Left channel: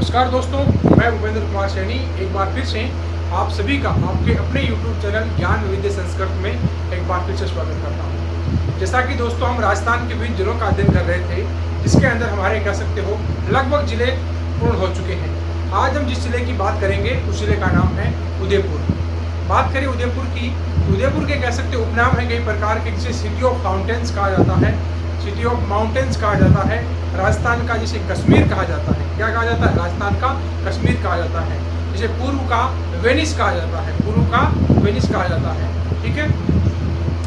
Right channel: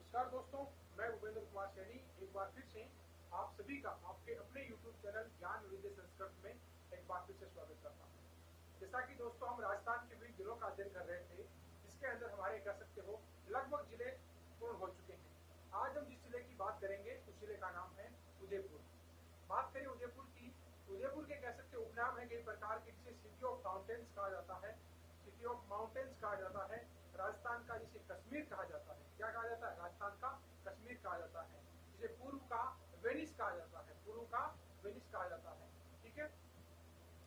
नमस्कार दोस्तों, मैं भूपेंद्र कुमार सैनी एक बार फिर से आप सभी का आपके अपने YouTube चैनल ज्ञान वैविध्य संस्कृत में एक बार फिर से स्वागत करता हूँ। जैसा कि दोस्तों हम राजस्थान के विभिन्न जिलों का अध्ययन कर रहे थे, जिसके अंदर हमारे कह सकते हो लगभग जिले पूर्ण हो चुके हैं। आज हम जिस जिले की बात करेंगे उस जिले का नाम है उदयपुर। बात करें उदयपुर की, उदयपुर के कह सकते उपनाम है कई प्रकार के, जिसे सिटी ऑफ फाउंटेन्स कहा जाता है, सिटी ऑफ माउंटेन्स कहा जाता है, राजस्थान का जिसे कश्मीर कहा जाता है। क्या कहा जाता है? राजस्थान का कश्मीर कहा जाता है। जिसे पूर्व का वेनिस कहा जाता है, पूर्व का वेनिस कहा जाता है। ठीक है,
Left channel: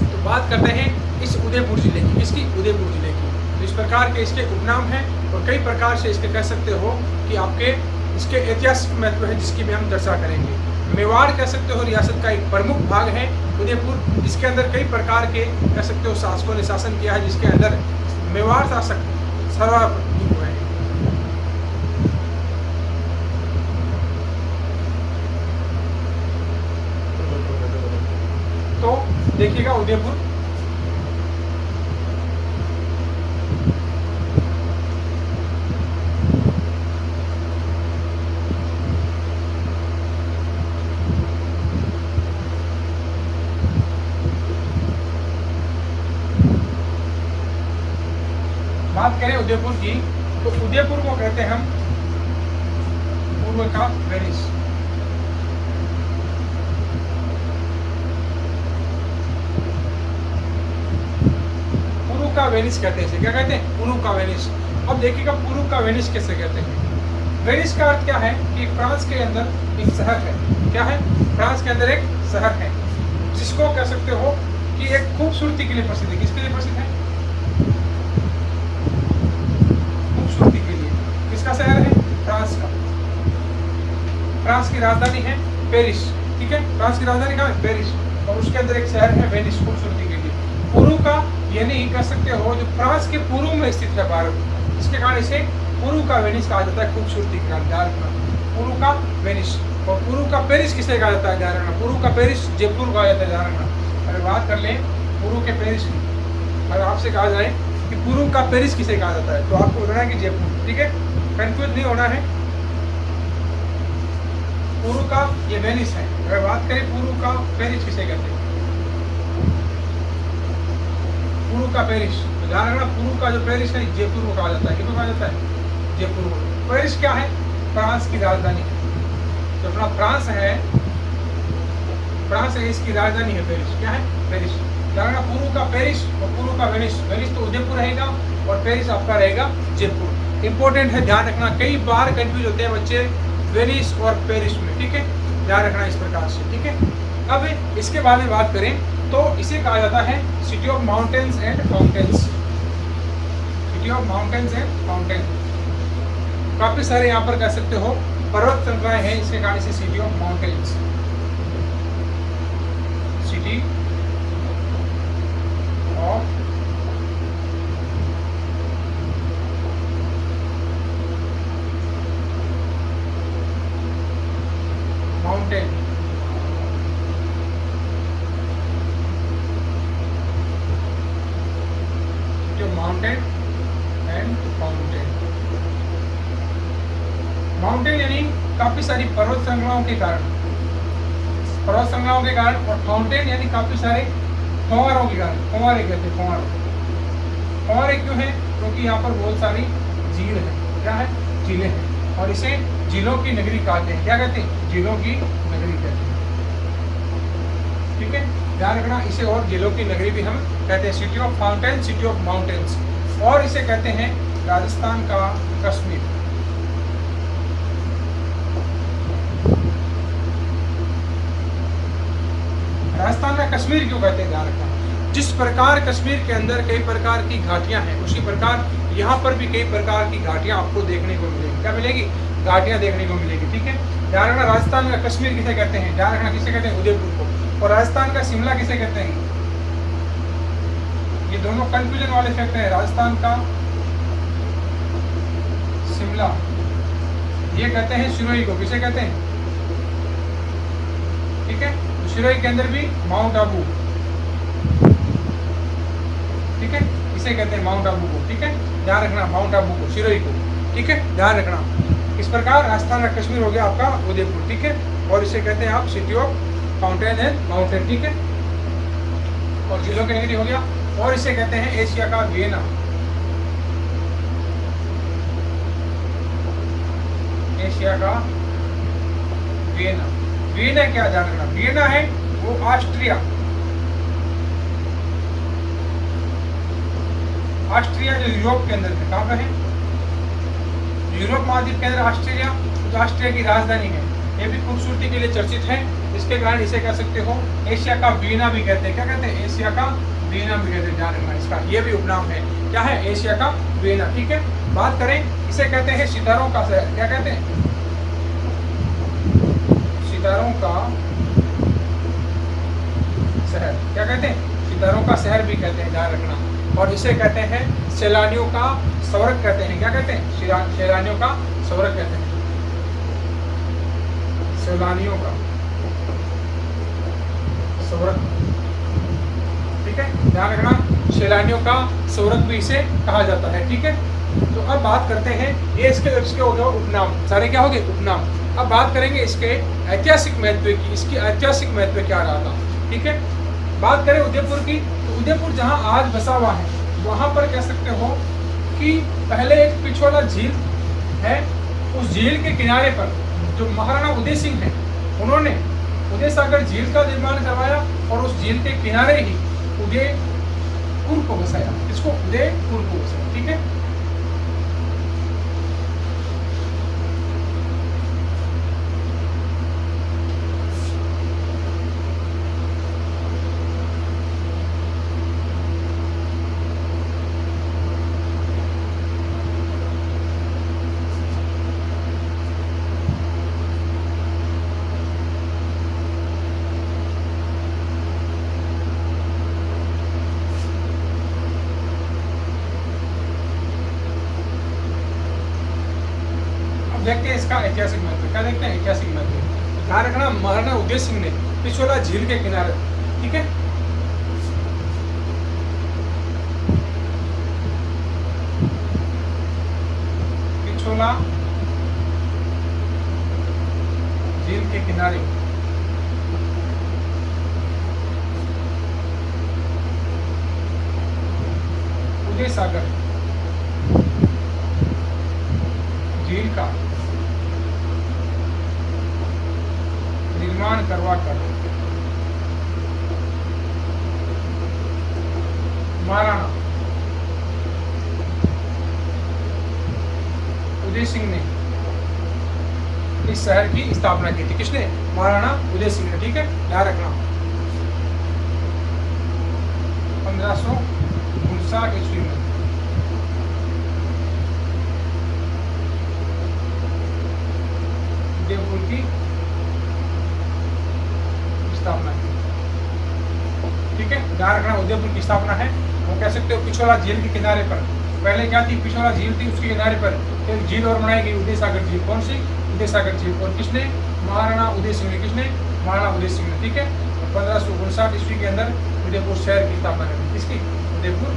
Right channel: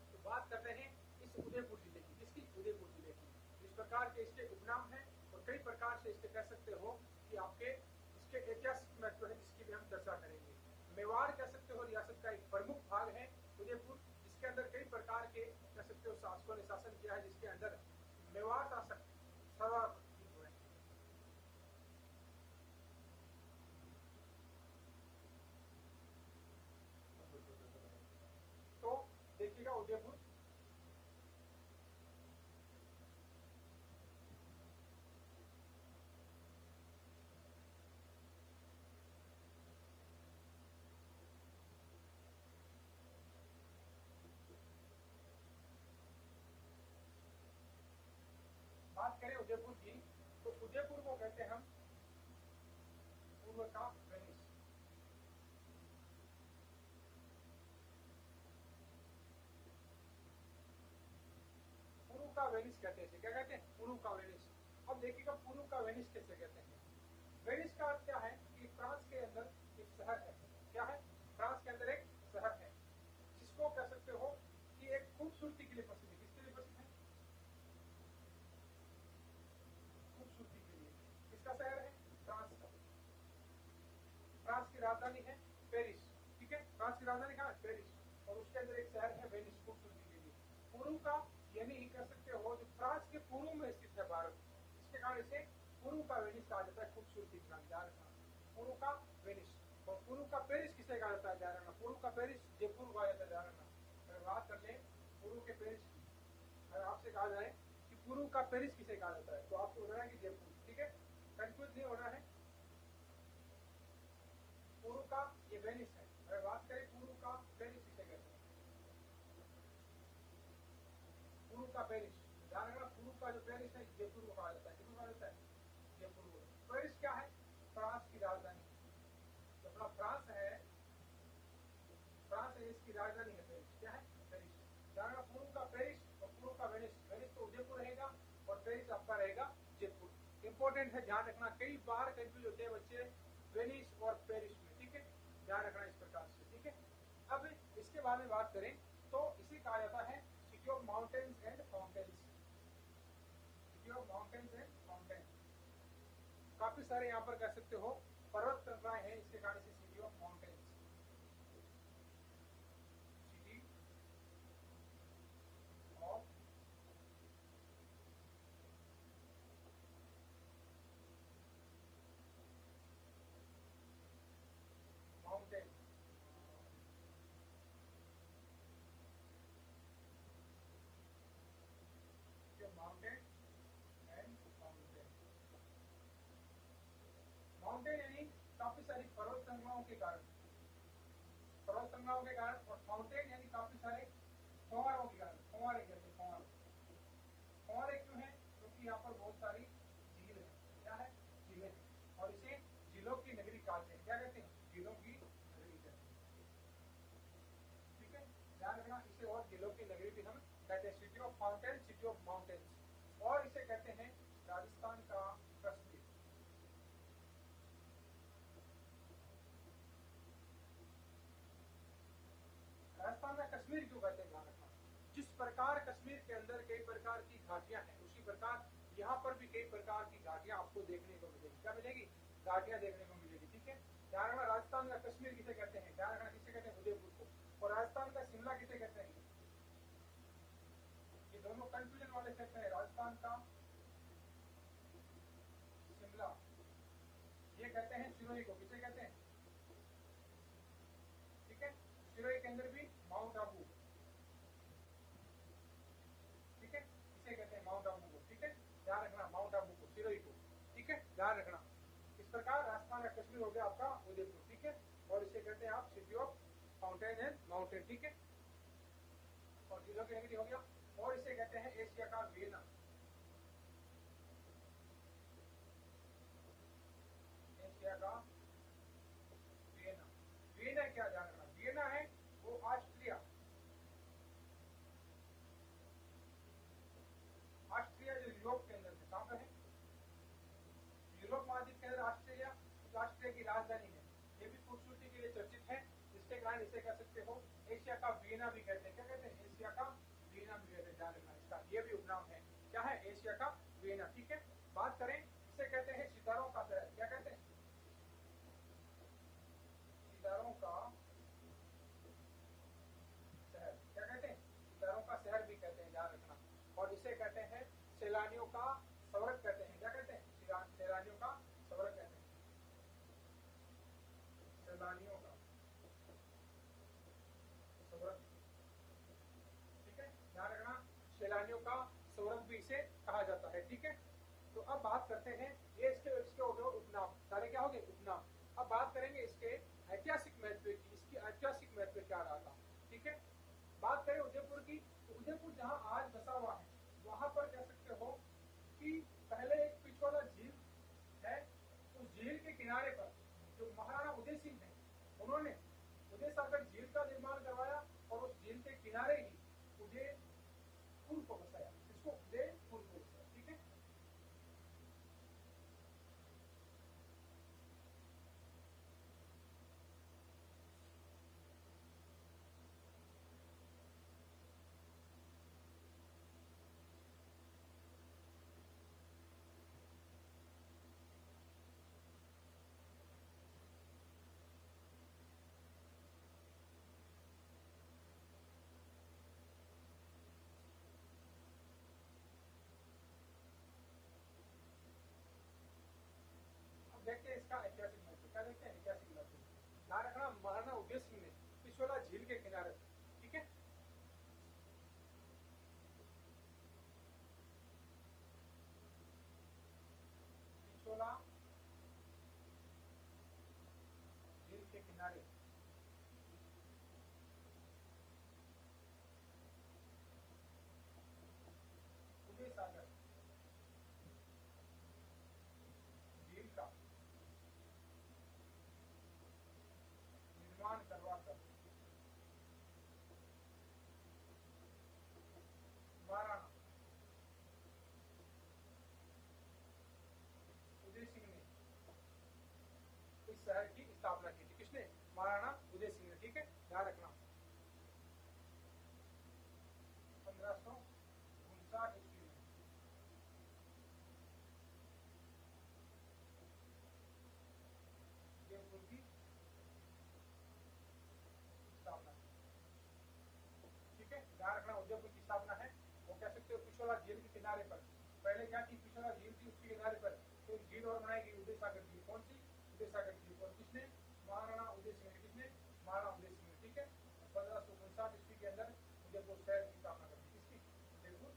तो बात करते हैं इस उदयपुर जिले की, इसकी उदयपुर जिले की। इस प्रकार के इसके उपनाम हैं और कई प्रकार से इसके कह सकते हो कि आपके इसके ऐतिहासिक महत्व है, जिसकी भी हम चर्चा करेंगे। मेवाड़ कह सकते हो रियासत का एक प्रमुख भाग है उदयपुर, जिसके अंदर कई प्रकार के कह सकते हो शासकों ने शासन किया है, जिसके अंदर मेवाड़ शासक सर्वाधिक हुए हैं। तो देखिएगा उदयपुर बात करें उदयपुर की, तो उदयपुर को कहते हैं हम पूर्व का वेनिस। पूर्व का वेनिस कहते हैं इसे। क्या कहते हैं? पूर्व का वेनिस। अब देखिएगा पूर्व का वेनिस कैसे कहते हैं। वेनिस का अर्थ क्या है कि फ्रांस के अंदर एक शहर है। क्या है? फ्रांस के अंदर एक शहर है, जिसको कह सकते हो कि एक खूबसूरती के लिए प्रसिद्ध है। किसके लिए प्रसिद्ध है? खूबसूरती के लिए। किसका शहर है? फ्रांस का। फ्रांस की राजधानी है पेरिस। ठीक है, फ्रांस की राजधानी कहाँ है? पेरिस। और उसके अंदर एक शहर है वेनिस, खूबसूरती के लिए। पूर्व का यानी कह सकते हो जो फ्रांस के पूर्व में स्थित है भारत, इसके कारण इसे पूर्व का वेनिस कहा जाता है। खूबसूरती के कारण पूर्व का वेनिस। और पूर्व का पेरिस किसे कहा जाता है? ध्यान रखना, पूर्व का पेरिस जयपुर कहा जाता है। ध्यान रखना, अगर बात कर लें पूर्व के पेरिस की, अगर आपसे कहा जाए कि पूर्व का पेरिस किसे कहा जाता है, तो आपको बोलना है कि जयपुर। ठीक है, कंफ्यूज नहीं होना है। पूर्व का ये वेनिस है। अगर बात करें पूर्व का पेरिस किसे कहते हैं, पूर्व का पेरिस, तो ध्यान रखना पूर्व का जो पेरिस है जयपुर को कहा जाता है। किसको कहा जाता है? जयपुर को। पेरिस क्या है? फ्रांस की राजधानी है। तो अपना फ्रांस है, फ्रांस है, इसकी राजधानी है पेरिस। क्या है? पेरिस। ध्यान रखना पूर्व का पेरिस और पूर्व का वेनिस। वेनिस तो उदयपुर रहेगा और पेरिस आपका रहेगा जयपुर। इंपॉर्टेंट है, ध्यान रखना, कई बार कंफ्यूज होते हैं बच्चे वेनिस और पेरिस में। ठीक है, ध्यान रखना इस प्रकार से। ठीक है, अब इसके बारे में बात करें तो इसे कहा जाता है city of mountains and fountains. City of mountains and fountain. काफी सारे यहाँ पर कह सकते हो पर्वत श्रृंखलाएं हैं, इसके कारण इसे city of mountains, city of mountain. Mountain and fountain. Mountain यानी काफी सारी पर्वत श्रृंखलाओं के कारण, पर्वत श्रृंखलाओं के कारण, और फाउंटेन यानी काफी सारे फव्वारों के कारण। फव्वारे कहते हैं, फव्वारे। फव्वारे क्यों है? क्योंकि यहाँ पर बहुत सारी झील है। क्या है? झीलें हैं, और इसे झीलों की नगरी कहते हैं। क्या कहते हैं? झीलों की नगरी कहते हैं। ठीक है, ध्यान रखना, इसे और झीलों की नगरी भी हम कहते हैं। City of fountain, city of mountains, और इसे कहते हैं राजस्थान का कश्मीर। राजस्थान का कश्मीर क्यों कहते हैं? ध्यान रखना, जिस प्रकार कश्मीर के अंदर कई प्रकार की घाटियां हैं, उसी प्रकार यहाँ पर भी कई प्रकार की घाटियां आपको देखने को मिलेगी। क्या मिलेगी? घाटियां देखने को मिलेगी। ठीक है, ध्यान रखना, राजस्थान का कश्मीर किसे कहते हैं? ध्यान रखना, किसे कहते हैं? उदयपुर को। और राजस्थान का शिमला किसे कहते हैं? ये दोनों कंफ्यूजन वाले फैक्टर हैं। राजस्थान का शिमला, ये कहते हैं सिरोही को। किसे कहते हैं? ठीक है, तो सिरोही के अंदर भी माउंट आबू। ठीक है, इसे कहते हैं माउंट आबू को। ठीक है, ध्यान रखना, माउंट आबू को, सिरोही को। ठीक है, ध्यान रखना। इस प्रकार राजस्थान का कश्मीर हो गया आपका उदयपुर, ठीक है। और इसे कहते हैं आप city of fountain and mountain, ठीक है। और जिलों की नगरी हो गया। और इसे कहते हैं एशिया का वियना, एशिया का वियना। वियना क्या ध्यान रखना, वियना है वो ऑस्ट्रिया, ऑस्ट्रिया जो यूरोप के अंदर है, कहाँ पर है, यूरोप महाद्वीप के अंदर ऑस्ट्रेलिया, जो ऑस्ट्रिया की राजधानी है। ये भी खूबसूरती के लिए चर्चित है, इसके कारण इसे कह सकते हो एशिया का वियना भी कहते हैं। क्या कहते हैं, एशिया का वियना भी कहते हैं, ध्यान रखना इसका, ये भी उपनाम है। क्या है, एशिया का वियना, ठीक है। बात करें, इसे कहते हैं सितारों का शहर, क्या कहते हैं, सितारों का शहर, क्या कहते हैं, सितारों का शहर भी कहते हैं, ध्यान रखना। और इसे कहते हैं सैलानियों का स्वर्ग कहते हैं, क्या कहते हैं, सैलानियों का स्वर्ग कहते हैं, सैलानियों का स्वर्ग, ठीक है, ध्यान रखना, सैलानियों का स्वर्ग भी इसे कहा जाता है, ठीक है। तो अब बात करते हैं, ये इसके हो गया उपनाम, सारे क्या हो गए उपनाम। अब बात करेंगे इसके ऐतिहासिक महत्व की, इसकी ऐतिहासिक महत्व क्या रहा था, ठीक है। बात करें उदयपुर की, तो उदयपुर जहां आज बसा हुआ है, वहां पर कह सकते हो कि पहले एक पिछोला झील है, उस झील के किनारे पर जो महाराणा उदय सिंह है, उन्होंने उदय सागर झील का निर्माण करवाया और उस झील के किनारे ही उदयपुर को बसाया, इसको उदयपुर को बसाया, ठीक है। देखते हैं इसका ऐतिहासिक महत्व, क्या देखते हैं ऐतिहासिक महत्व। ध्यान रखना, महाराणा उदय सिंह ने पिछोला झील के किनारे, ठीक है, पिछोला झील के किनारे उदय सागर झील का निर्माण करवा कर महाराणा उदय सिंह ने इस शहर की स्थापना की थी। किसने, महाराणा उदय सिंह ने, ठीक है, ध्यान रखना। 1559 ईस्वी में उदयपुर की स्थापना की, ठीक है, ध्यान रखना। उदयपुर की स्थापना है, वो कह सकते हो पिछोला झील के किनारे पर। पहले क्या थी, पिछोला झील थी, उसके किनारे पर एक झील और बनाई गई, उदय सागर झील। कौन सी, उदय सागर झील। और किसने, महाराणा उदय सिंह ने, किसने, महाराणा उदय सिंह ने, ठीक है। 1559 ईस्वी के अंदर उदयपुर शहर की स्थापना करी, किसकी, उदयपुर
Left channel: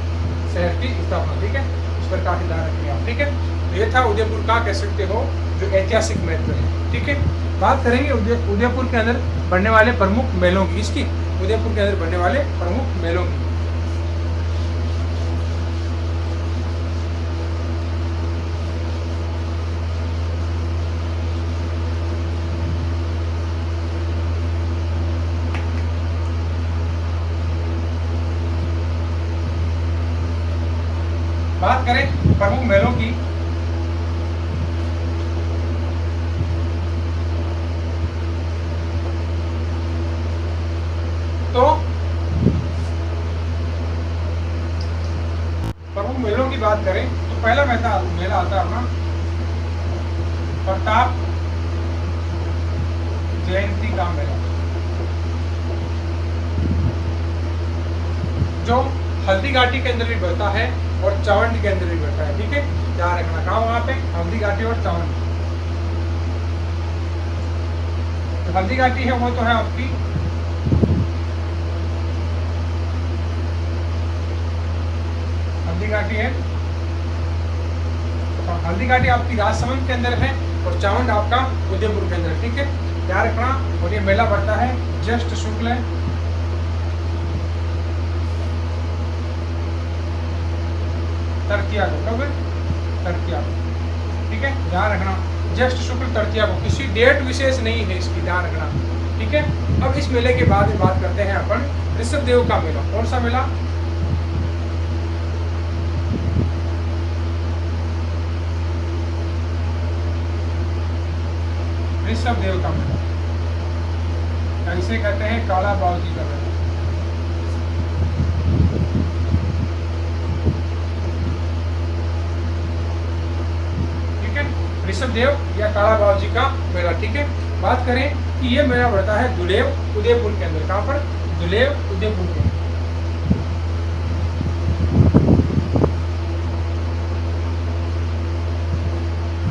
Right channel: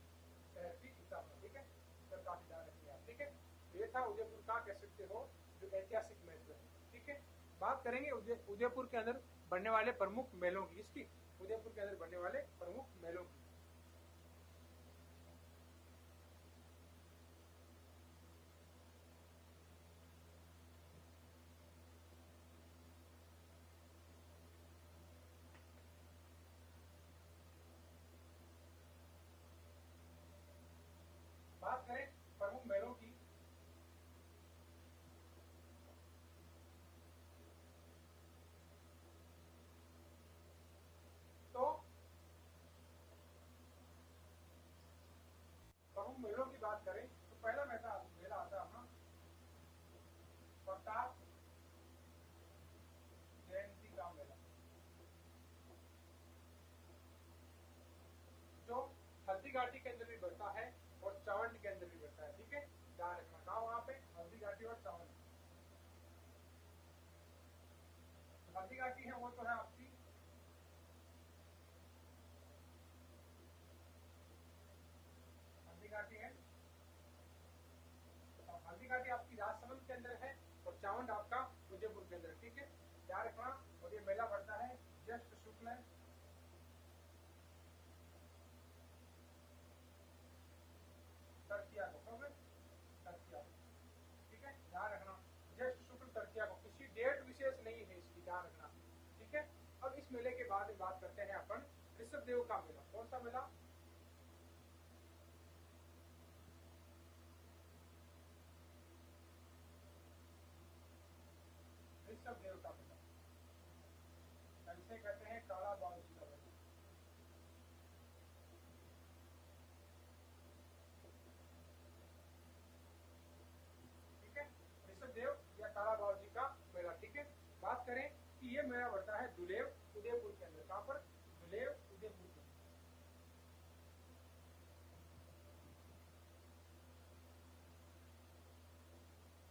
शहर की स्थापना, ठीक है। इस पर काफी ध्यान रखिए आप, ठीक है। तो ये था उदयपुर का, कह सकते हो, जो ऐतिहासिक महत्व है, ठीक है। बात करेंगे उदयपुर के अंदर बनने वाले प्रमुख मेलों की, इसकी, उदयपुर के अंदर बनने वाले प्रमुख मेलों की। बात करें प्रमुख मेलों की, तो प्रमुख मेलों की बात करें तो पहला मेला आता है अपना प्रताप जयंती का मेला, जो हल्दी घाटी के अंदर भी बढ़ता है और चावंडी के अंदर भी बढ़ता है, ठीक है, ध्यान रखना। कहाँ, वहां पे हल्दी घाटी और चावंडी। तो हल्दी घाटी है वो तो है आपकी हल्दी घाटी है, हल्दीघाटी आपकी राजसमंद के अंदर है और चावंड आपका उदयपुर के अंदर है, ठीक है, ध्यान रखना। और ये मेला बढ़ता है ज्येष्ठ शुक्ल तृतीया को, कब? तृतीया को, ठीक है, ध्यान रखना। ज्येष्ठ शुक्ल तृतीया को, किसी डेट विशेष नहीं है इसकी, ध्यान रखना, ठीक है। अब इस मेले के बाद बात करते हैं अपन ऋषभ देव का मेला। कौन सा मेला? ऋषभ देव का मेला, इसे कहते हैं काला बावजी का मेला, ठीक है, ऋषभ देव या काला बावजी का मेला, ठीक है। बात करें कि ये मेला बढ़ता है दुलेव उदयपुर के अंदर। कहाँ पर? दुलेव उदयपुर के अंदर।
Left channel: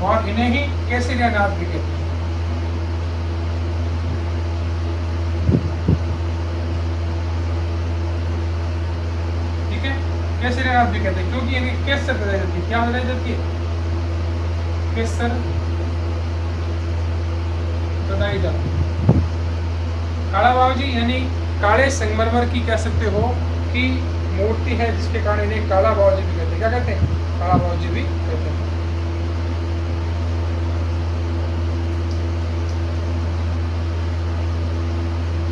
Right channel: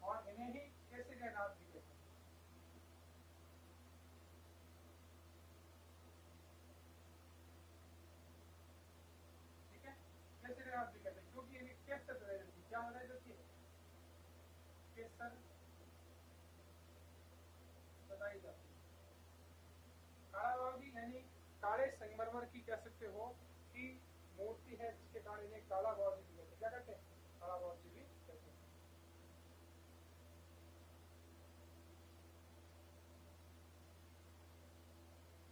और इन्हें ही केसरिया नाथ भी कहते हैं, ठीक है, केसरिया नाथ भी कहते हैं क्योंकि इन्हें केसर बताई जाती है। क्या बताई जाती है? केसर बताई जाती है। काला बावजी यानी काले संगमरमर की कह सकते हो कि मूर्ति है, जिसके कारण इन्हें काला बावजी भी कहते हैं। क्या कहते हैं? काला बावजी भी कहते हैं,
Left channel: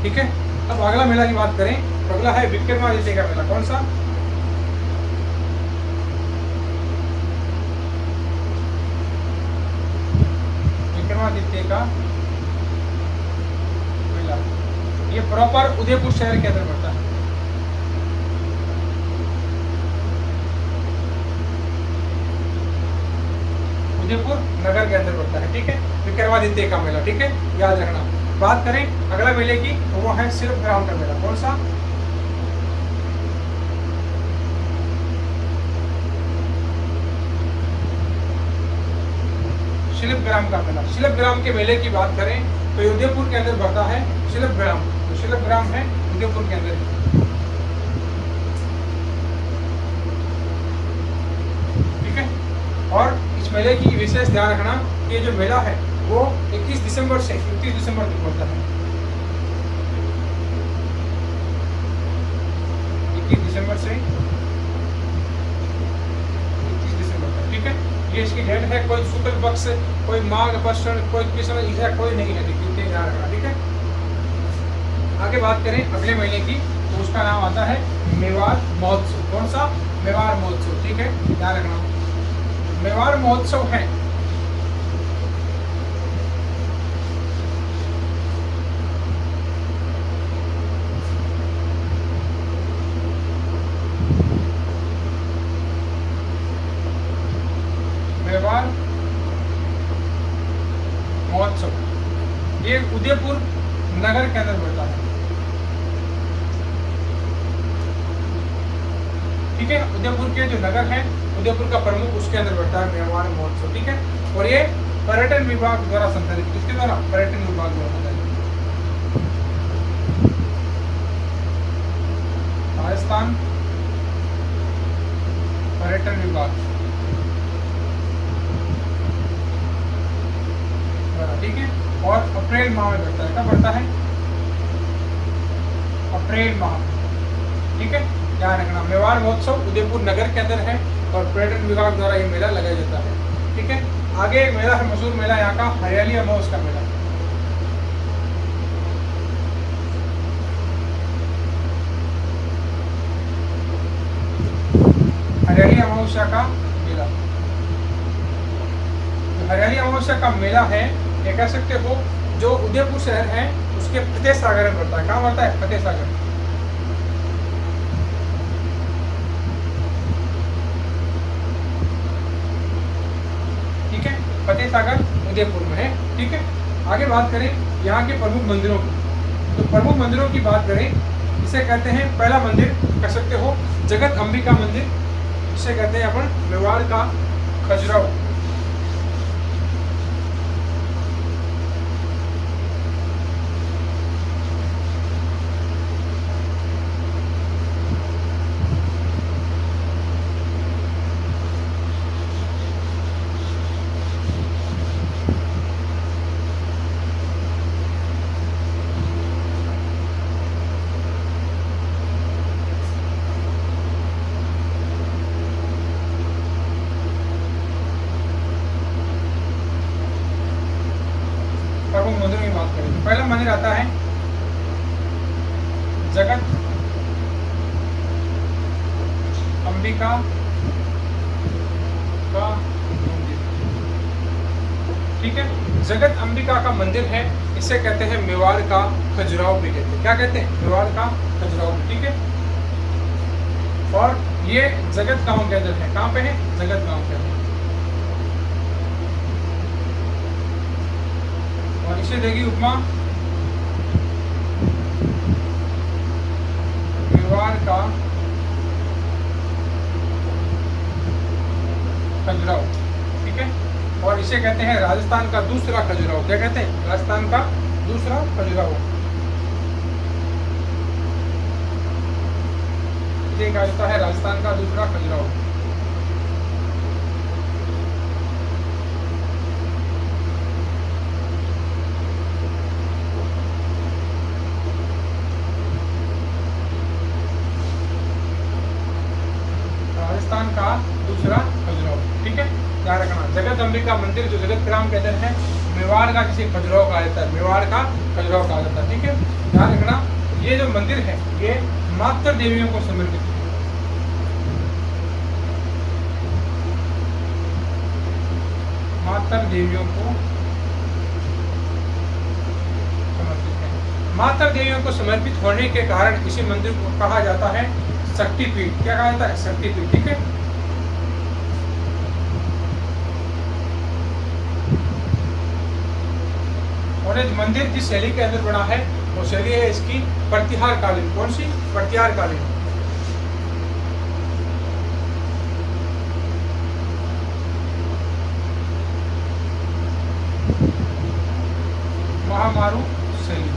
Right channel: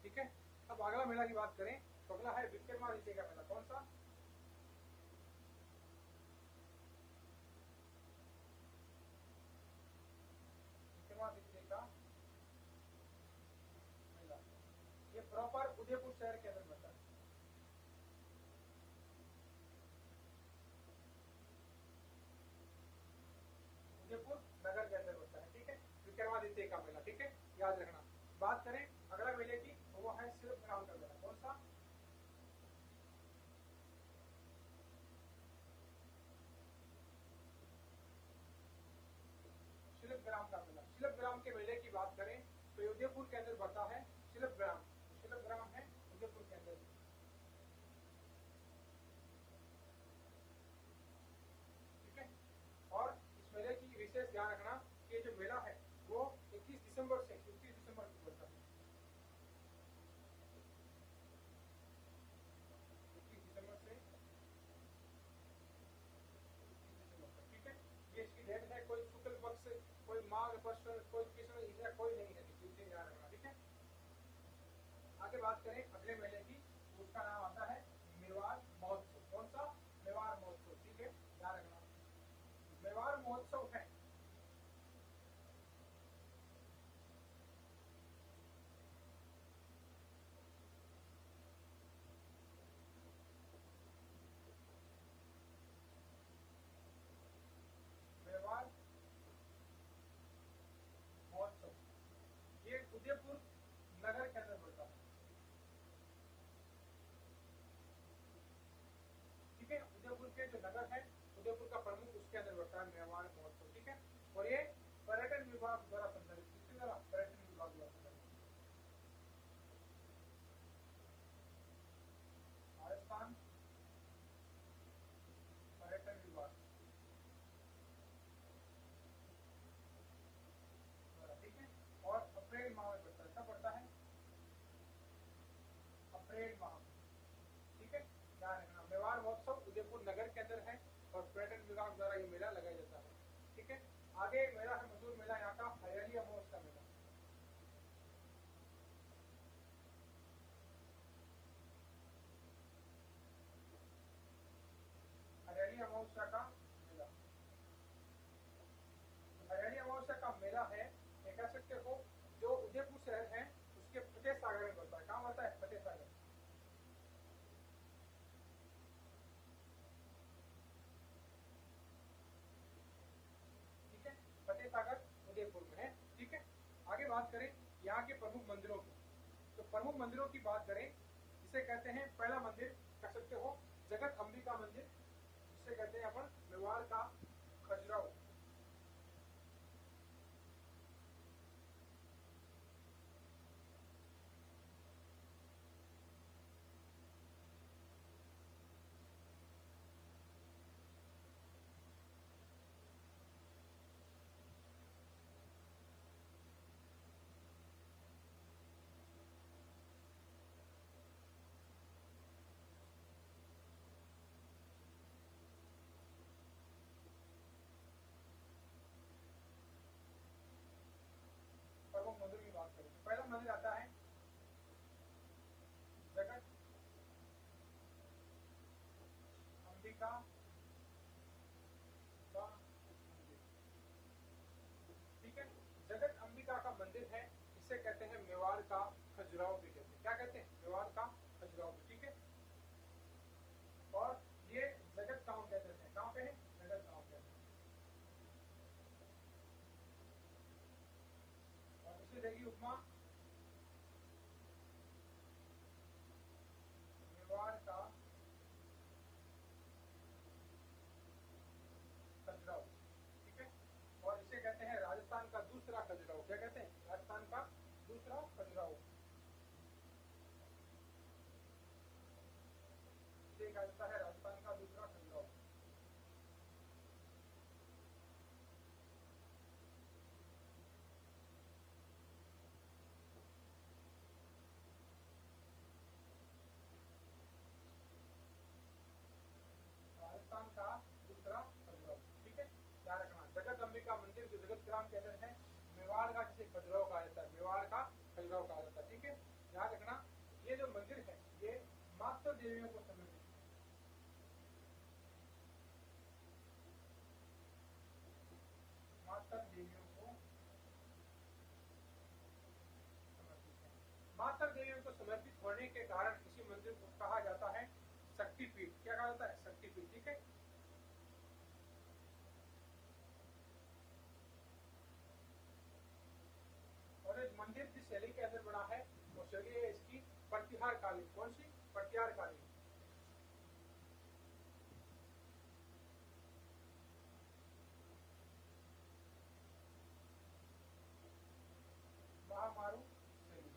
ठीक है। अब अगला मेला की बात करें तो अगला है विक्रमादित्य का मेला। कौन सा? विक्रमादित्य का मेला, ये प्रॉपर उदयपुर शहर के अंदर पड़ता है, उदयपुर नगर के अंदर पड़ता है, ठीक है, विक्रमादित्य का मेला, ठीक है, याद रखना। बात करें अगला मेले की तो वो है शिल्पग्राम का मेला। कौन सा? शिल्पग्राम का मेला। शिल्पग्राम के मेले की बात करें तो उदयपुर के अंदर बढ़ता है शिल्पग्राम, तो शिल्पग्राम है उदयपुर के अंदर, ठीक है। और इस मेले की विशेष ध्यान रखना कि ये जो मेला है वो 21 दिसंबर से 31 दिसंबर तक बढ़ता है, 21 दिसंबर से 31 दिसंबर तक, ठीक है। ये इसकी डेट है, कोई शुक्ल पक्ष, कोई माघ पश्चिम, कोई कृष्ण, ऐसा कोई नहीं है, देखिए ध्यान रखना, ठीक है। आगे बात करें अगले महीने की तो उसका नाम आता है मेवाड़ महोत्सव। कौन सा? मेवाड़ महोत्सव, ठीक है, ध्यान रखना। मेवाड़ महोत्सव है मेवाड़ महोत्सव, ये उदयपुर नगर के अंदर पड़ता है, ठीक है। उदयपुर के जो नगर है, उदयपुर का प्रमुख, उसके अंदर बढ़ता है मेवाड़ महोत्सव, ठीक है। और ये पर्यटन विभाग द्वारा संचालित, किसके द्वारा? पर्यटन विभाग द्वारा संचालित, राजस्थान पर्यटन विभाग, ठीक है। और अप्रैल माह में बढ़ता है। कब बढ़ता है? अप्रैल माह, ठीक है, ध्यान रखना। मेवाड़ महोत्सव उदयपुर नगर के अंदर है और पर्यटन विभाग द्वारा ये मेला लगाया जाता है, ठीक है। आगे एक मेला है, मशहूर मेला यहाँ का, हरियाली अमावस का मेला। हरियाली अमावस्या का मेला, हरियाली अमावस्या का मेला है, ये कह सकते हो जो उदयपुर शहर है उसके फतेह सागर में पड़ता है। कहाँ पड़ता है? फतेह सागर, ठीक है, फतेह सागर उदयपुर में है, ठीक है। आगे बात करें यहाँ के प्रमुख मंदिरों की, तो प्रमुख मंदिरों की बात करें, इसे कहते हैं पहला मंदिर कह सकते हो जगत अंबिका मंदिर, इसे कहते हैं अपन मेवाड़ का खजुराहो, प्रमुख मंदिरों की बात करें तो पहला मंदिर आता है जगत अंबिका का मंदिर। ठीक है, जगत अंबिका का मंदिर है, इसे कहते हैं मेवाड़ का खजुराहो भी कहते हैं। क्या कहते हैं? मेवाड़ का खजुराहो। ठीक है, और ये जगत गांव के अंदर है। कहाँ पे है? जगत गांव के अंदर। और इसे देगी उपमा मेवाड़ का खजुराहो। ठीक है, और इसे कहते हैं राजस्थान का दूसरा खजुराहो। क्या कहते हैं? राजस्थान का दूसरा खजुराहो। इसे कहा जाता है राजस्थान का दूसरा खजुराहो। राजस्थान का दूसरा खजुराहो। ठीक है, ध्यान रखना। जगत अंबिका मंदिर जो जगत ग्राम के अंदर है, मेवाड़ का किसी खजुराहो कहा जाता है। मेवाड़ का खजुराहो कहा जाता है। ठीक है, ध्यान रखना। ये जो मंदिर है ये मातृ देवियों को समर्पित है। मातृ देवियों को समर्पित है। मातृ देवियों को समर्पित होने के कारण इसी मंदिर को कहा जाता है शक्तिपीठ। क्या कहा जाता है? शक्तिपीठ। ठीक है, और ये मंदिर जिस शैली के अंदर बना है वो शैली है इसकी प्रतिहार कालीन। कौन सी? प्रतिहार कालीन। महामारू शैली।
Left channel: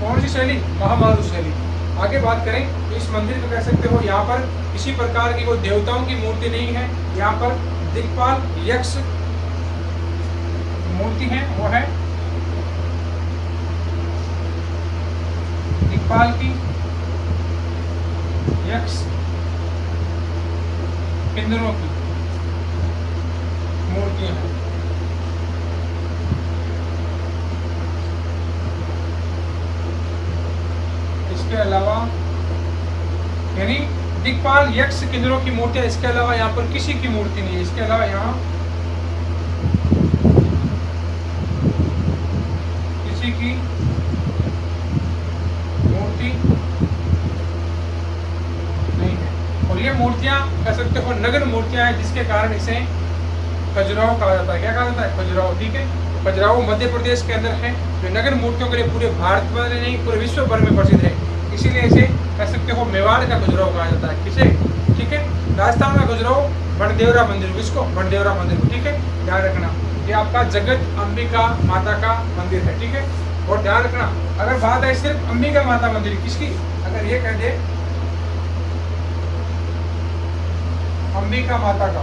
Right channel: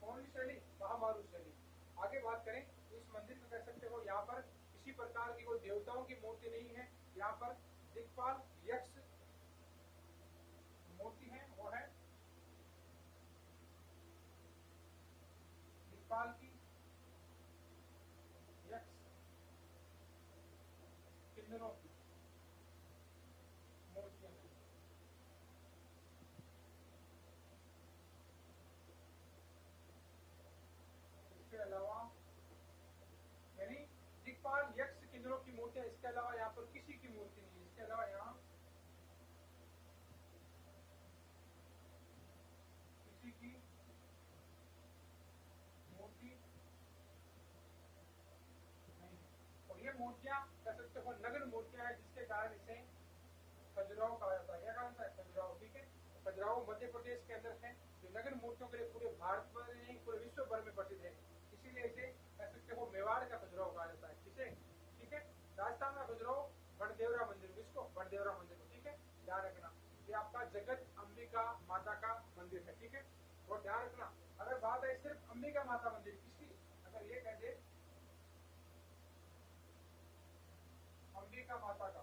कौन सी शैली? महामारू शैली। आगे बात करें तो इस मंदिर को कह सकते हो यहाँ पर किसी प्रकार की कोई देवताओं की मूर्ति नहीं है। यहाँ पर दिक्पाल यक्ष मूर्ति है, वो है दिक्पाल की यक्ष किन्नरों की मूर्तियां हैं। इसके अलावा यानी दिक्पाल यक्ष किन्नरों की मूर्तियां, इसके अलावा यहाँ पर किसी की मूर्ति नहीं है। इसके अलावा यहाँ किसी की मूर्ति नहीं है। और ये मूर्तियां कह सकते हो नगर मूर्तियां हैं, जिसके कारण इसे खजुराहो कहा जाता है। क्या कहा जाता है? खजुराहो। ठीक है, तो खजुराहो मध्य प्रदेश के अंदर है, जो नगर मूर्तियों के लिए पूरे भारत में नहीं पूरे विश्व भर में प्रसिद्ध है। इसीलिए इसे कह सकते हो मेवाड़ का खजुराहो कहा जाता है। किसे? ठीक है, राजस्थान का खजुराहो बनदेवरा मंदिर। किसको? बनदेवरा मंदिर को। ठीक है, ध्यान रखना। ये आपका जगत अंबिका माता का मंदिर है। ठीक है, और ध्यान रखना अगर बात है सिर्फ अंबिका माता मंदिर किसकी, अगर ये कह दे अंबिका माता का,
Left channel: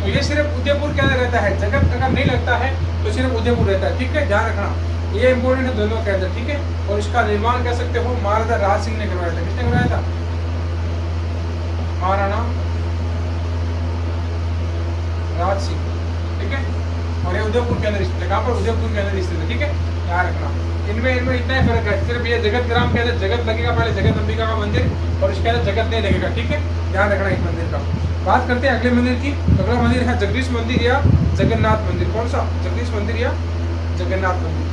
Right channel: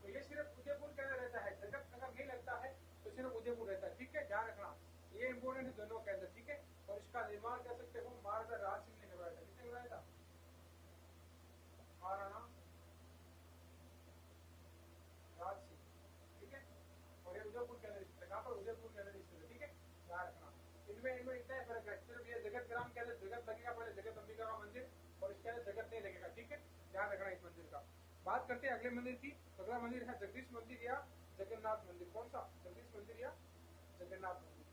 तो ये सिर्फ उदयपुर के अंदर रहता है। जगत अगर नहीं लगता है तो सिर्फ उदयपुर रहता है। ठीक है, ध्यान रखना, ये इंपोर्टेंट है दोनों के अंदर। ठीक है, और इसका निर्माण कह सकते हो महाराजा राज सिंह ने करवाया था। किसने करवाया था? महाराणा राज सिंह। ठीक है, और ये उदयपुर के अंदर स्थित है। कहाँ पर? उदयपुर के अंदर स्थित है। ठीक है, ध्यान रखना। इनमें इतना ही फर्क है, सिर्फ ये जगत ग्राम के अंदर जगत लगेगा पहले, जगत अंबिका का मंदिर, और इसके अंदर जगत नहीं लगेगा। ठीक है, ध्यान रखना इस मंदिर का। बात करते हैं अगले मंदिर की। अगला मंदिर है जगदीश मंदिर या जगन्नाथ मंदिर। कौन सा? जगदीश मंदिर या जगन्नाथ मंदिर।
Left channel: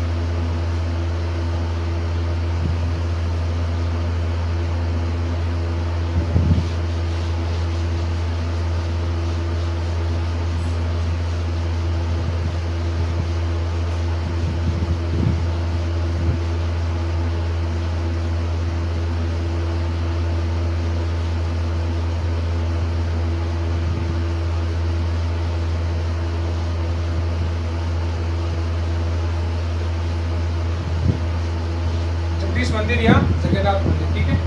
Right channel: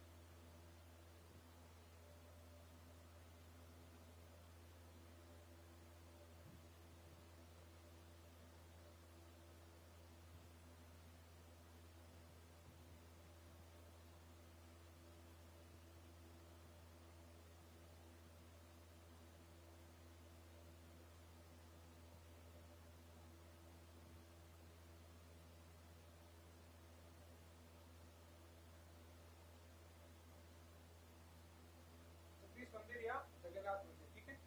जगदीश मंदिर या जगन्नाथ मंदिर। ठीक है,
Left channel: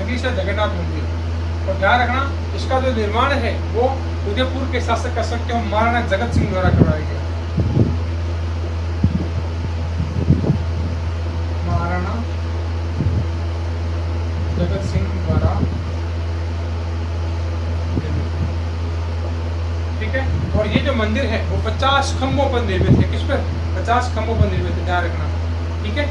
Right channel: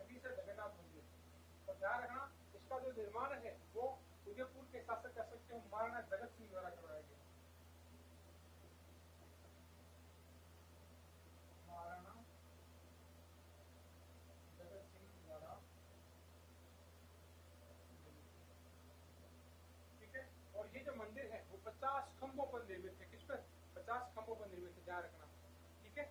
जगदीश जगन्नाथ मंदिर। और ध्यान रखना इसका जो निर्माण है वो उदयपुर के शासक कह सकते हो महाराणा जगत सिंह द्वारा करवाया गया। महाराणा जगत सिंह द्वारा, ठीक है। और ये जो मंदिर है वो 50 खंभों पर निर्मित है। किस पर? 50 खंभों पर निर्मित है, ध्यान रखना, ठीक है।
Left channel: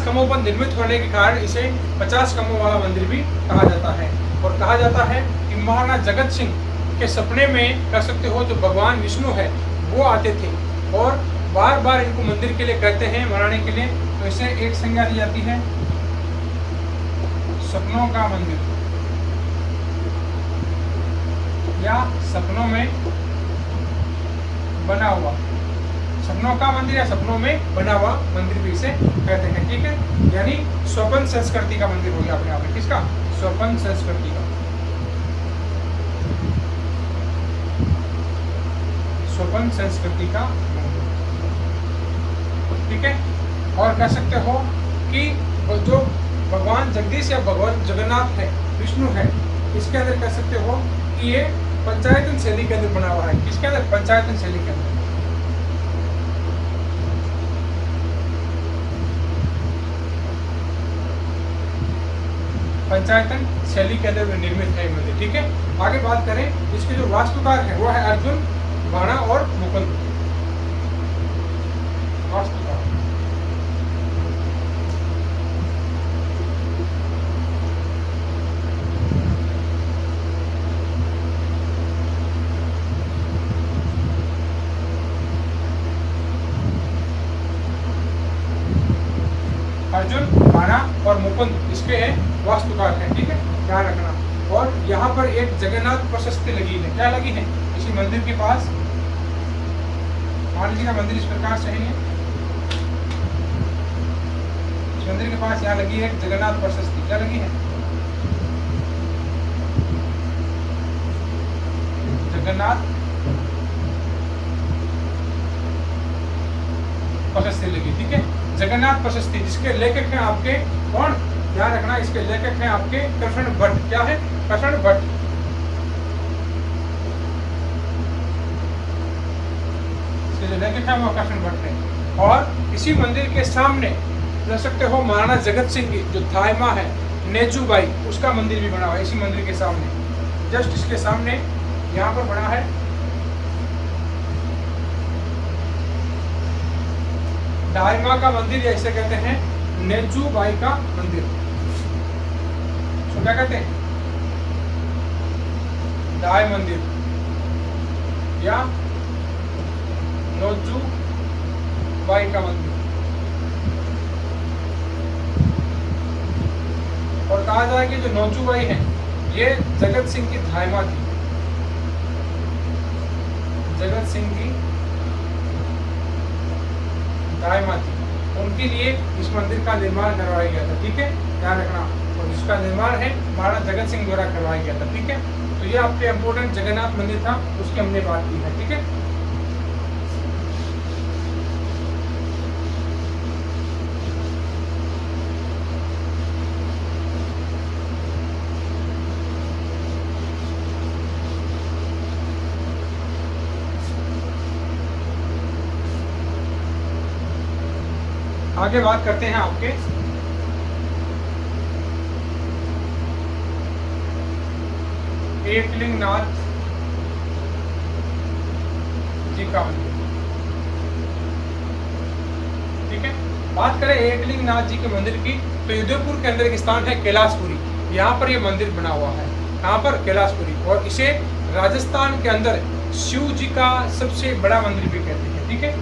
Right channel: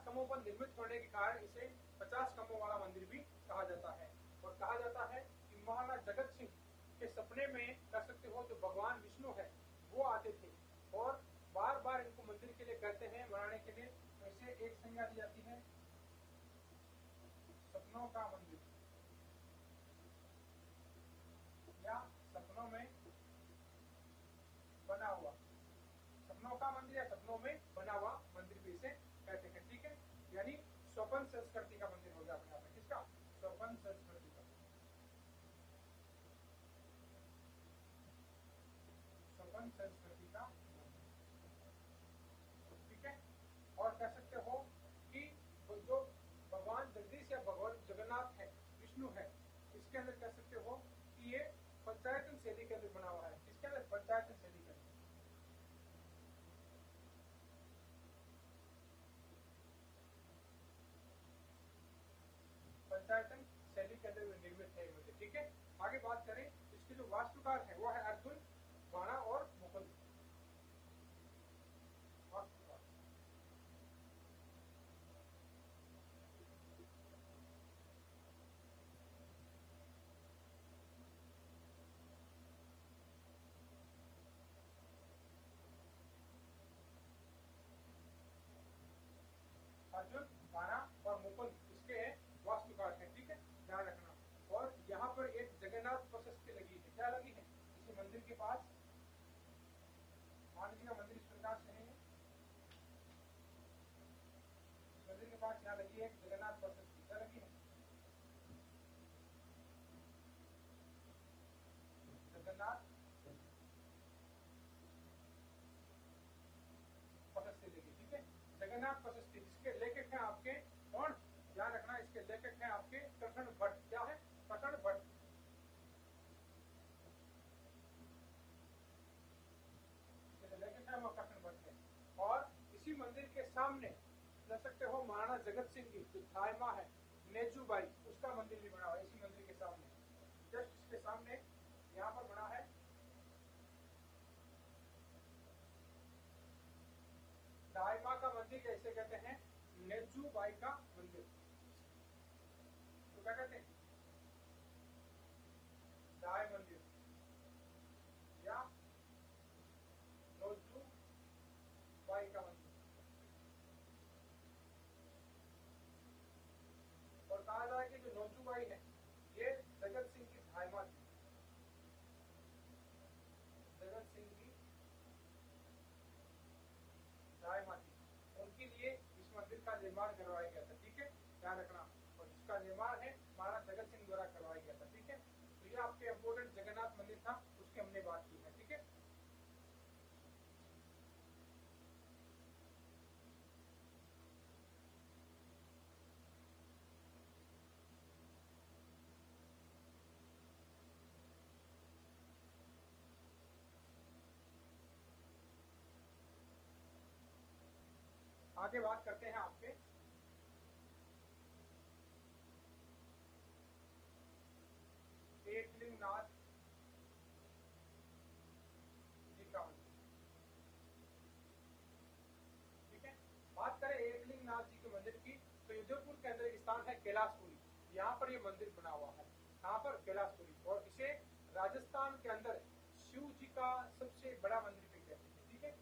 खंभों पर निर्मित होने के कारण इसे 50 खंभों वाला मंदिर भी कहा जाता है। और कहा जाता है कि महाराणा जगत सिंह के सपने में कह सकते हो जो भगवान विष्णु है वो आते थे और बार बार इनको मंदिर के लिए कहते हैं, बनाने के लिए। तो इसे एक संज्ञा दी जाती है सपनों का मंदिर या सपनों में बना हुआ, सपनों का मंदिर या सपनों में बना हुआ मंदिर भी इसे कहते हैं, ठीक है। यानी स्वपन संस्कृति का मंदिर हो गया अपने आप में। किसका? स्वपन संस्कृति का, स्वपन संस्कृति का मंदिर, ठीक है। और कह सकते हो कि जो भगवान जगदीश या भगवान जगन्नाथ है, विष्णु है, इसके अंदर कह सकते हो कि ये पंचायतन शैली के अंदर बना हुआ है। किसके अंदर? पंचायतन शैली के अंदर। पंचायतन शैली के अंदर निर्मित है मंदिर, ठीक है। आगे बात करें, इसके जो वास्तुकार है वो है अर्जुन, बाणा और मुकुंद। वास्तुकार अर्जुन, बाणा और मुकुंद इसके हैं वास्तुकार हैं, ठीक है, ध्यान रखना। और यहाँ पर एक जगन्नाथ प्रशस्ति लगी है। क्या लगी है? इसी मंदिर के पास, मान लीजिए मंदिर इस प्रकार से है, इस मंदिर के पास यहाँ लगी है जगन्नाथ प्रशस्ति। क्या लगी है? जगन्नाथ प्रशस्ति लगी, ठीक है। जगन्नाथ प्रशस्ति जिसके लेखक हैं आपके कौन? ध्यान रखना, इसके लेखक हैं आपके कृष्ण भट्ट। क्या है? कृष्ण भट्ट। इसके जो लेखक हैं वो कृष्ण भट्ट हैं। और इसी मंदिर के सामने कह सकते हो महाराणा जगत सिंह की जो थायमा है नेजूबाई, उसका मंदिर भी बना हुआ है इसी मंदिर के सामने। जस्ट इसके सामने यहाँ पर बना है दाइमा का मंदिर, या इसे कहते हैं नेजूबाई का मंदिर। तो क्या कहते हैं? दाई मंदिर या नोजूबाई का मंदिर। और कहा जाए कि जो नोजूबाई है ये जगत सिंह की धायमा थी। जगत सिंह की दायमा थी, उनके लिए इस मंदिर का निर्माण करवाया गया था, ठीक है, ध्यान रखना। और जिसका निर्माण है महाराणा जगत सिंह द्वारा करवाया गया था, ठीक है। तो ये आपके इम्पोर्टेंट जगन्नाथ मंदिर था, उसकी हमने बात की है, ठीक है। आगे बात करते हैं आपके एकलिंगनाथ जी का मंदिर, ठीक है। बात करें एकलिंगनाथ जी के मंदिर की, तो उदयपुर के अंदर एक स्थान है कैलाशपुरी, यहाँ पर ये मंदिर बना हुआ है। कहाँ पर? कैलाशपुरी। और इसे राजस्थान के अंदर शिव जी का सबसे बड़ा मंदिर भी कहते हैं, ठीक है।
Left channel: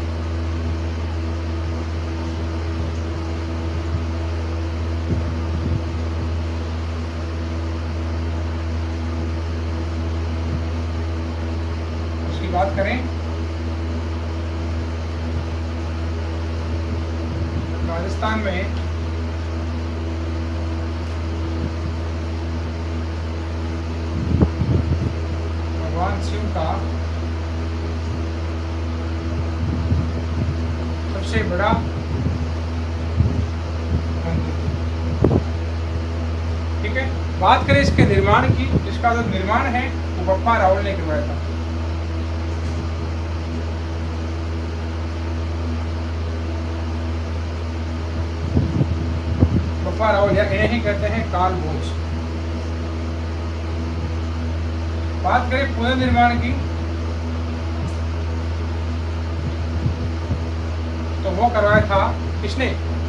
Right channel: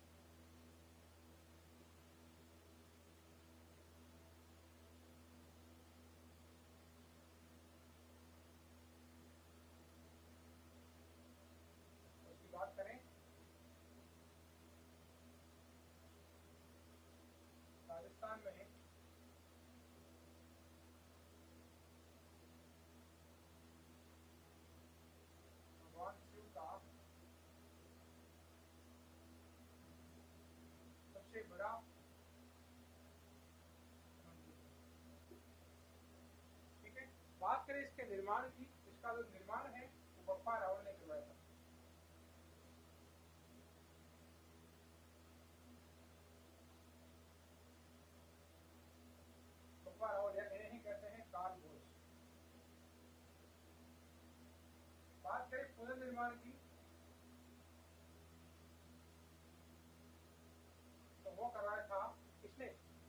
बात करें राजस्थान में भगवान शिव का सबसे बड़ा मंदिर। ठीक है, बात करें इसके निर्माण की, इसका जो निर्माण है वो बप्पा रावल ने करवाया था। बप्पा रावल, या इन्हें ही कहते हैं काल भोज। बात करें पुनर्निर्माण की, तो वो करवाया था किसने,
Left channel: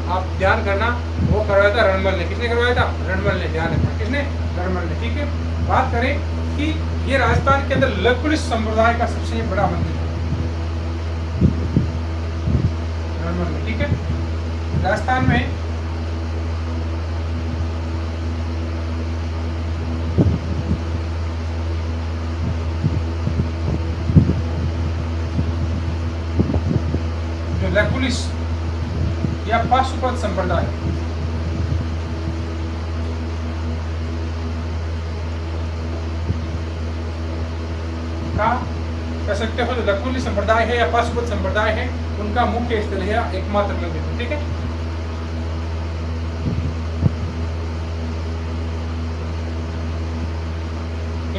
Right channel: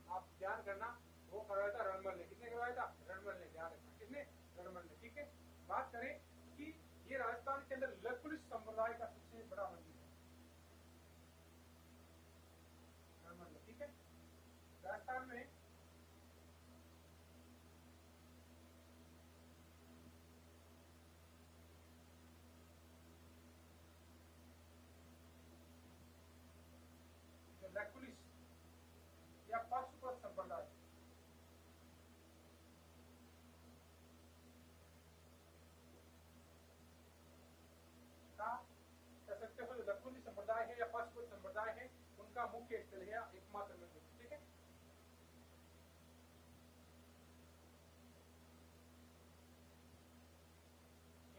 आप ध्यान करना, वो करवाया था रणमल ने। किसने करवाया था? रणमल ने। ध्यान रखना, किसने? रणमल ने। ठीक है, बात करें कि ये राजस्थान के अंदर लकुलिश संप्रदाय का सबसे बड़ा मंदिर है, रणमल ने। ठीक है, राजस्थान में जो लकुलिश या पाशुपत संप्रदाय का कह सकते हो, जो लकुलिश संप्रदाय है या पाशुपत संप्रदाय है, उनका मुख्य स्थल है, एकमात्र मंदिर है। ठीक है,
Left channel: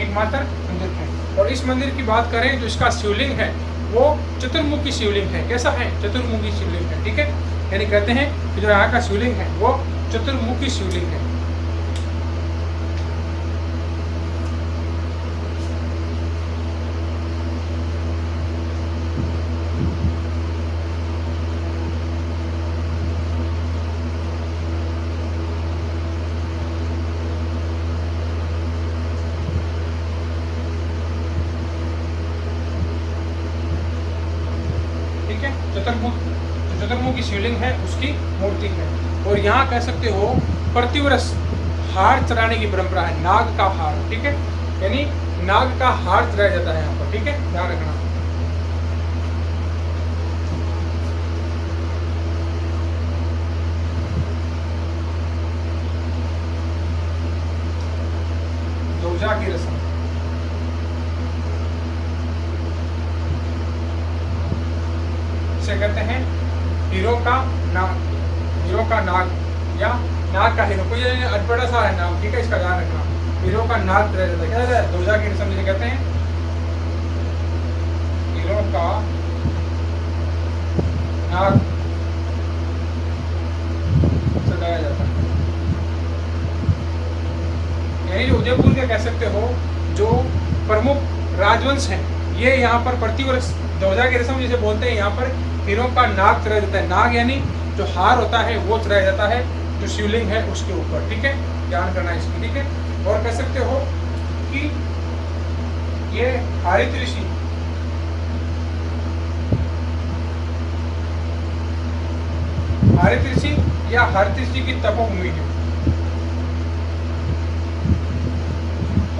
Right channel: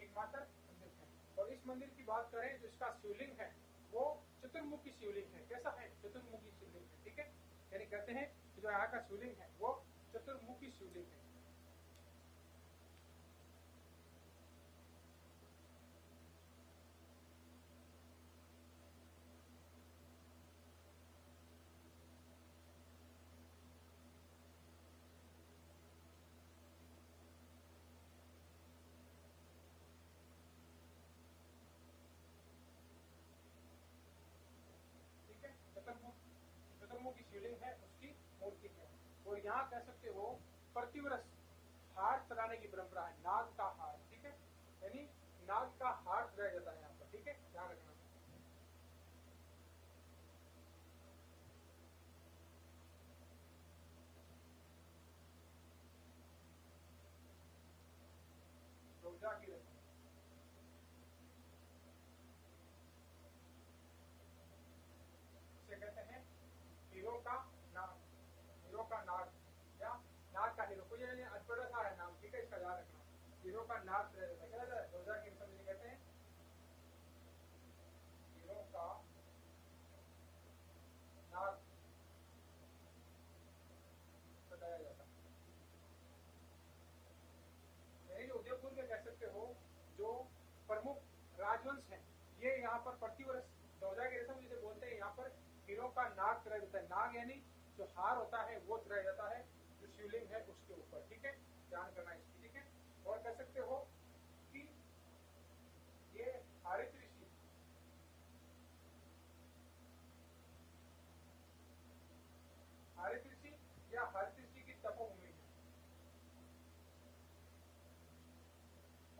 एकमात्र मंदिर है। और इस मंदिर की बात करें, जो इसका शिवलिंग है वो चतुर्मुखी शिवलिंग है। कैसा है? चतुर्मुखी शिवलिंग है। ठीक है, यानी कहते हैं कि जो यहाँ का शिवलिंग है वो चतुर्मुखी शिवलिंग है। चतुर्मुखी शिवलिंग है, उसकी मूर्ति है। और यहाँ कह सकते हो प्रतिवर्ष हार चढ़ाने की परंपरा है, नाग का हार। ठीक है, यानी नाग का हार चढ़ाया जाता है यहाँ पर। ठीक है, ध्यान रखना। ध्वजा की रस्म, इसे कहते हैं हीरो का नाग, हीरो का नाग या नाग का हीरो, कोई अटपटा सा है नाम। ठीक है, इसका ध्यान रखना। हीरो का नाग क्या रहता है? ध्वजा की रस्म जिसे कहते हैं हीरो का नाग सजाया जाता है। यानी उदयपुर के कह सकते हो जो प्रमुख राजवंश हैं, ये यहाँ पर प्रतिवर्ष ध्वजा की रस्म जिसे बोलते हैं, यहाँ पर हीरो का नाग चढ़ाया जाता है। नाग यानी जो हार होता है वो चढ़ाया जाता है जो शिवलिंग है उसके ऊपर। ठीक है, ध्यान करना इसकी। ठीक है, और कह सकते हो कि ये हरित ऋषि या हरित ऋषि की तपोभूमि है।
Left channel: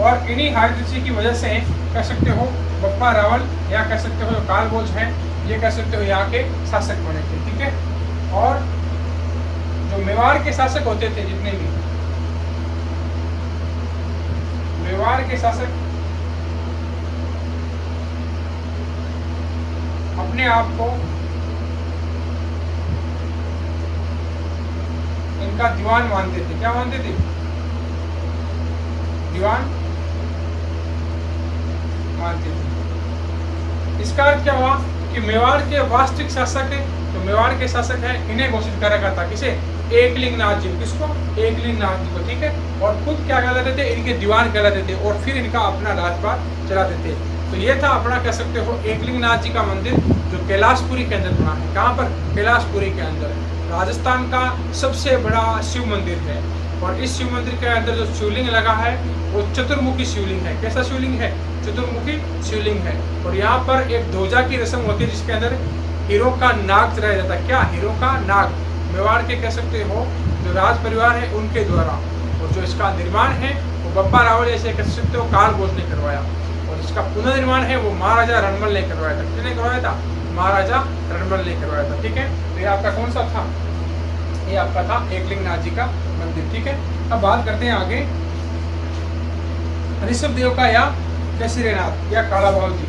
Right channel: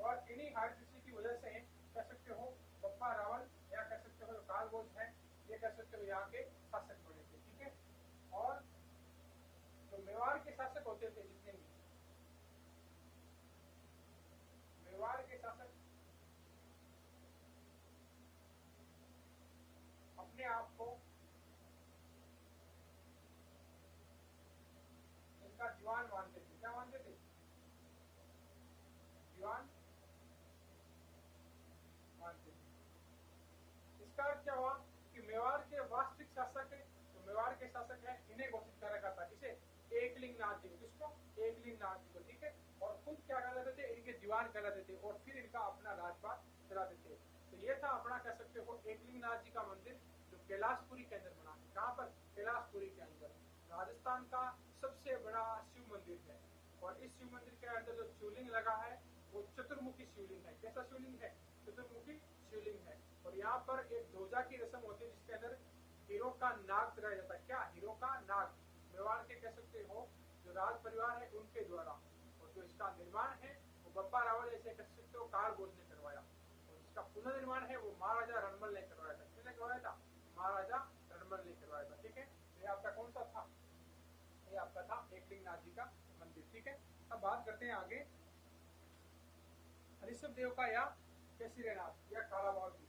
और इन्हीं हरित ऋषि की वजह से कह सकते हो बप्पा रावल, या कह सकते हो जो कालभोज है, ये कह सकते हो यहाँ के शासक बने थे। ठीक है, और जो मेवाड़ के शासक होते थे, जितने भी मेवाड़ के शासक अपने आप को इनका दीवान मानते थे। क्या मानते थे? दीवान मानते थे। इसका अर्थ क्या हुआ कि मेवाड़ के वास्तविक शासक है, तो मेवाड़ के शासक है, इन्हें घोषित कर रखा था। किसे? एकलिंग नाथ जी। किसको? एकलिंग नाथ जी को। ठीक है, और खुद क्या कहलाते थे? इनके दीवान कहलाते थे, और फिर इनका अपना राजपाट चलाते थे। तो ये था अपना कह सकते हो एकलिंग नाथ जी का मंदिर, जो कैलाशपुरी के अंदर बना है। कहाँ पर? कैलाशपुरी के अंदर। राजस्थान का सबसे बड़ा शिव मंदिर है, और इस शिव मंदिर के अंदर जो शिवलिंग लगा है वो चतुर्मुखी शिवलिंग है। कैसा शिवलिंग है? चतुर्मुखी शिवलिंग है। और यहाँ पर एक ध्वजा की रस्म होती है, जिसके अंदर हीरो का नाग चढ़ाया जाता है। क्या? हीरो का नाग। मेवाड़ के कह सकते हो जो राज परिवार है उनके द्वारा, और जो इसका निर्माण है वो बप्पा रावल ऐसे कह सकते हो कालभोज ने करवाया, और इसका पुनर्निर्माण है वो महाराजा रणमल ने करवाया था। किसने करवाया था? महाराजा रणमल ने करवाया था। ठीक है, तो ये आपका कौन सा था? ये आपका था एकलिंग नाथ जी का मंदिर। ठीक है, अब बात करते हैं आगे ऋषभ देव का या केसरीनाथ या काला बाबू जी।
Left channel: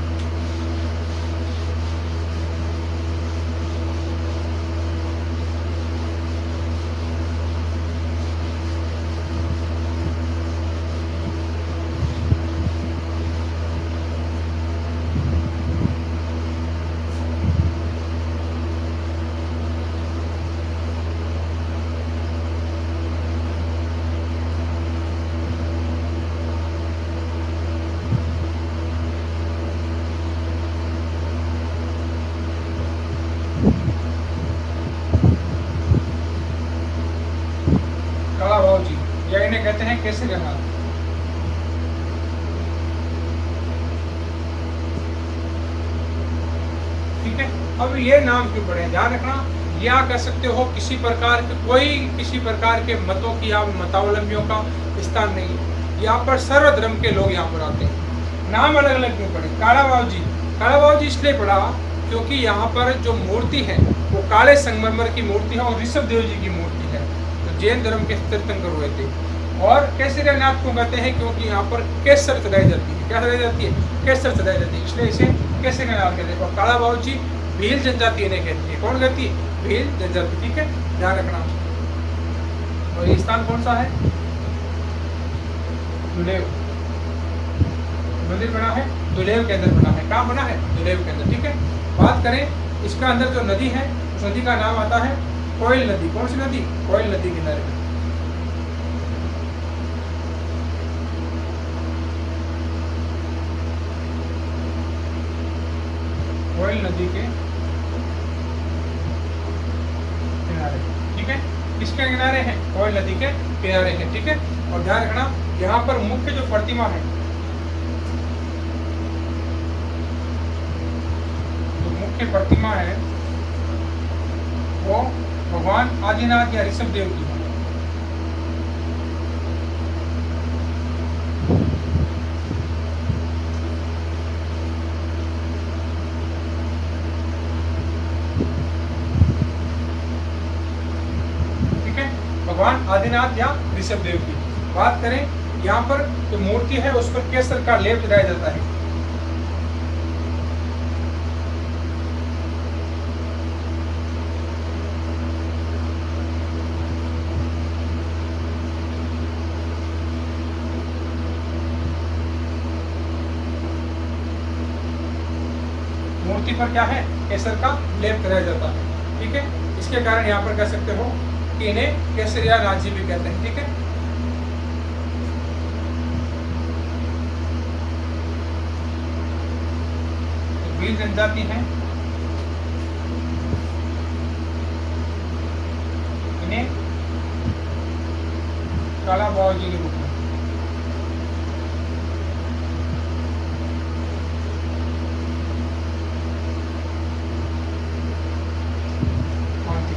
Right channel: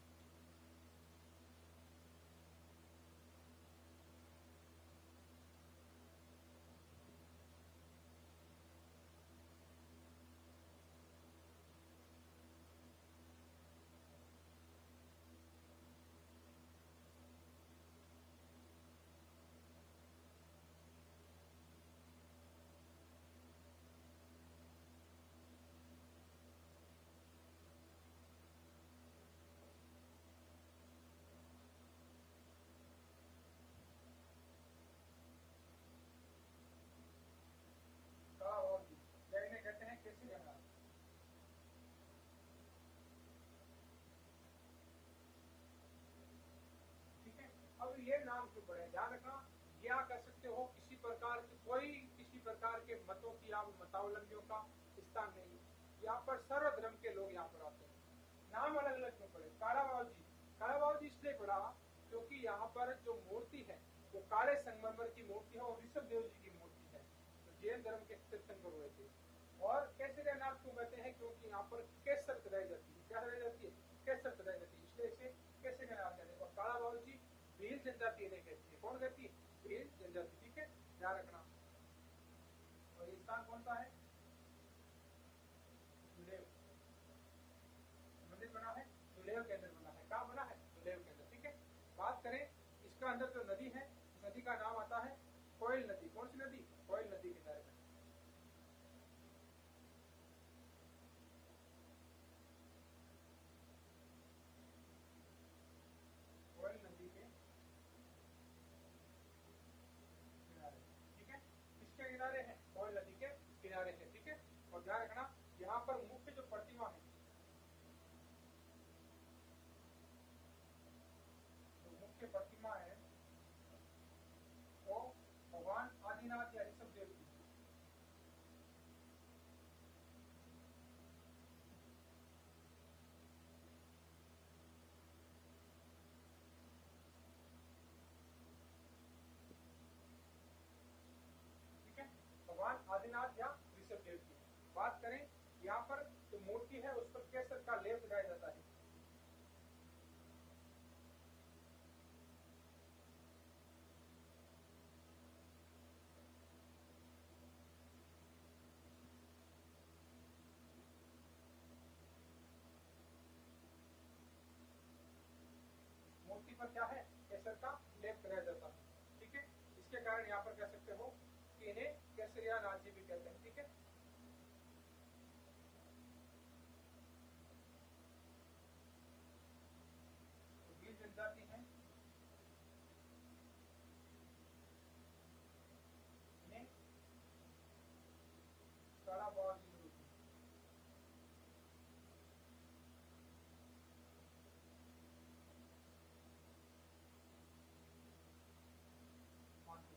काला बाबू जी या इन्हें कहते हैं केसरीनाथ। ठीक है, अब ये नाम क्यों पड़े, ध्यान रखना, या कह सकते हो किसी प्रकार के मतों की या मतावलंबियों का स्थान नहीं है। यहाँ पर सर्वधर्म के लोग यहाँ पर आते हैं। नाम अलग अलग क्यों पड़े? काला बाबू जी इसलिए पड़ा क्योंकि यहाँ पर जो मूर्ति है वो काले संगमरमर की मूर्ति है और ऋषभ देव जी की मूर्ति है, तो जैन धर्म के तीर्थंकर हुए थे। और केसरीनाथ को कहते हैं क्योंकि यहाँ पर केसर चढ़ाई जाती है। क्या चढ़ाई जाती है? केसर चढ़ाई जाती है, इसलिए इसे केसरीनाथ कहते हैं। और काला बाबू जी भील जनजाति इन्हें कहती है। कौन कहती है? भील जनजाति। ठीक है, ध्यान रखना। और ये स्थान कौन सा है? दुलेव मंदिर बना है, दुलेव के अंदर बना है। कहाँ बना है? दुलेव के अंदर। ठीक है, बात करें इसका अंदर जो नदी है, उस नदी का नाम आता है कोयल नदी। कौन सी नदी? कोयल नदी किनारे। कोयल नदी के किनारे। ठीक है, किसके किनारे हैं? कोयल नदी के किनारे हैं। ठीक है, और ध्यान रखना यहाँ पर मुख्य जो प्रतिमा है, जो मुख्य प्रतिमा है वो भगवान आदिनाथ या ऋषभ देव की है। भगवान आदिनाथ या ऋषभ देव की बात करें, यहाँ पर जो मूर्ति है उस पर केसर का लेप चढ़ाया जाता है। मूर्ति पर क्या है? केसर का लेप चढ़ाया जाता है। ठीक है, इसके कारण यहाँ पर कह सकते हो कि इन्हें केसरीनाथ जी भी कहते हैं। ठीक है, तो भील जनजाति है, इन्हें काला बाबू जी के रूप में।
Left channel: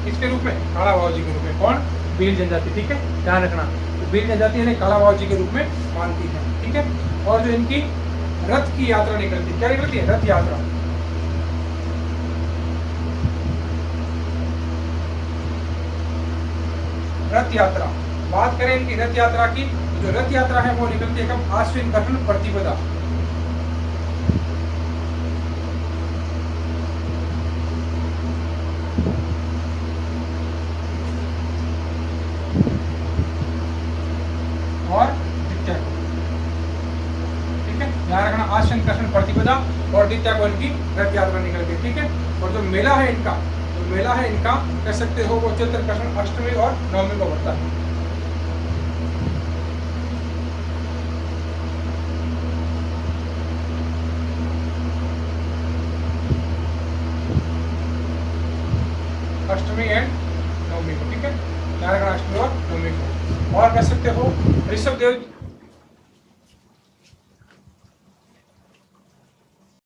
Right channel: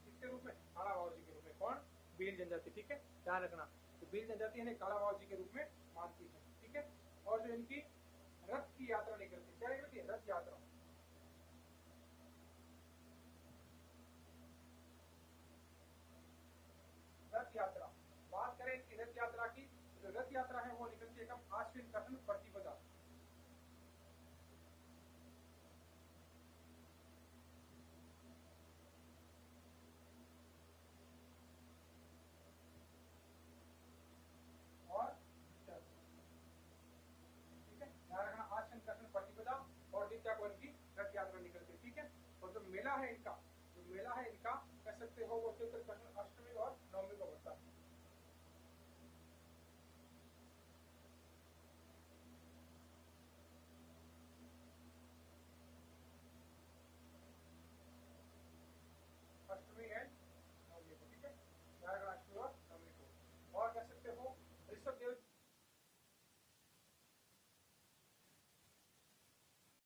किसके रूप में? काला बाबू जी के रूप में। कौन? भील जनजाति। ठीक है, ध्यान रखना, तो भील जनजाति इन्हें काला बाबू जी के रूप में मानती है। ठीक है, और जो इनकी रथ की यात्रा निकलती है, क्या निकलती है? रथ यात्रा। रथ यात्रा, बात करें इनकी रथ यात्रा की, जो रथ यात्रा है वो निकलती है कब? आश्विन कृष्ण प्रतिपदा। आश्विन कृष्ण प्रतिपदा और द्वितीया को इनकी रथ यात्रा निकल गई। ठीक है, और जो मेला है इनका, कह सकते हो वो चैत्र कृष्ण अष्टमी और नवमी को बढ़ता है। अष्टमी एंड नवमी को। ठीक है, ध्यान रखना, अष्टमी और नवमी को। और कह सकते हो ऋषभ देव